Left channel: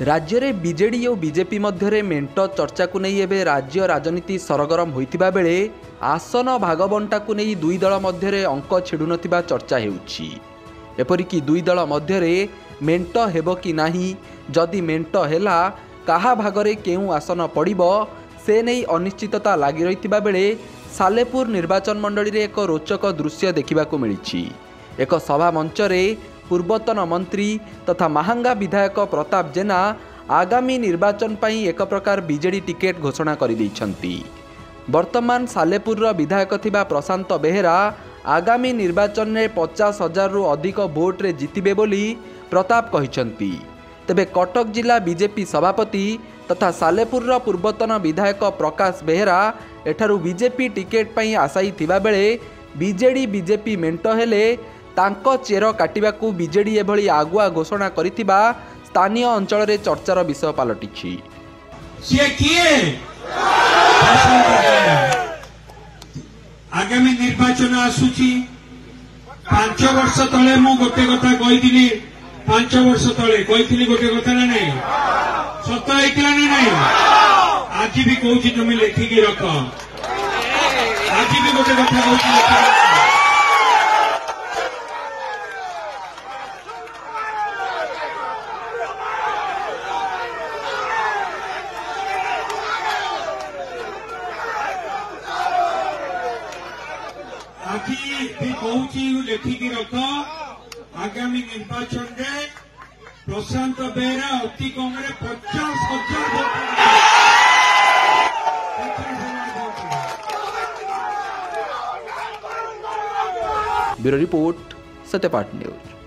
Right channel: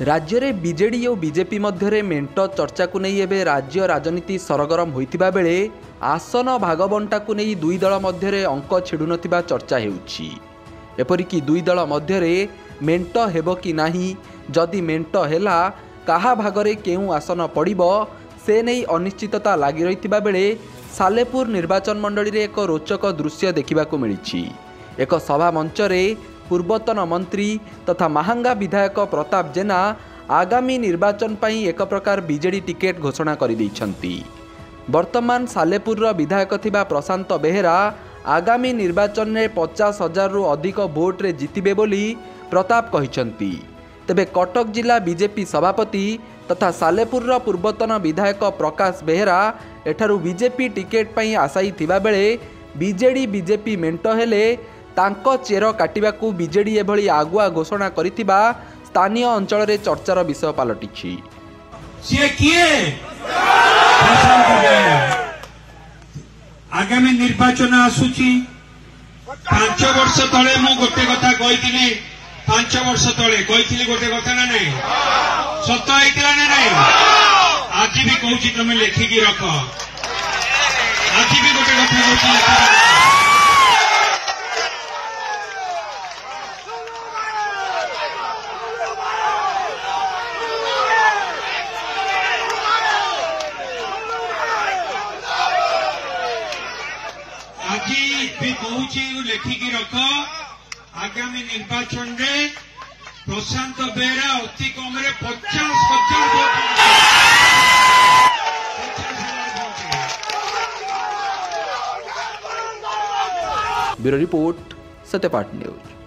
राज्य में बीजेडी और बीजेपी मध्य मेंट चर्चा को नहीं एवं राज्य राजनीति सरगरम होता बेले आसन भागबंटा को नहीं दुई दल मध्य अंक छिड़ु नथिबा चर्चा हेउछि। एपरिकी दुई दल मध्य मेंट हेबो कि नाही, जदि मेंट हेला काहा भागरे केउ आसन पड़िबो से नहीं अनिश्चितता लगी रहितिबा बेले सालेपुर निर्वाचन मंडली रे एक रोचक दृश्य देखिबाकू मिलिछि। एक सभा मंच रे पूर्वतन मंत्री तथा महांगा विधायक प्रताप जेना आगामी निर्वाचन पई एक प्रकार बीजेडी टिकेट घोषणा कर दैछंती। वर्तमान सालेपुर विधायक थिबा प्रशांत बेहेरा आगामी निर्वाचन में 50,000 रु अधिक भोट रे जितिबे बोली प्रताप कहिसंती। तेबे कटक जिला बीजेपी सभापति तथा सालेपुर पूर्वतन विधायक प्रकाश बेहेरा एठारू बीजेपी टिकेट पई आशायी थिबा बेले बीजेडी बीजेपी मेंट हेले तांको चेर काटिबाकू बीजेडी एभली आगुआ घोषणा करिथिबा स्थानीय अंचल रे चर्चार विषय पलटिछि। आगामी निर्वाचन आसुची 5 वर्ष तले मु गोटे कथा कहिथिनी, 5 वर्ष तले कहिथिली गोटे कथा ना नहीं सत्य आइथिला ना नहीं, आज भी कहूची तुम लेखिकी रख, आज भी गोटे कथा कहूची लेखिकी रख। आज भी कहूची लेखिकी रख, आगामी निर्वाचन रे प्रशांत बेहेरा अति कम 50,000 भोट। Bureau report, Satyapath news.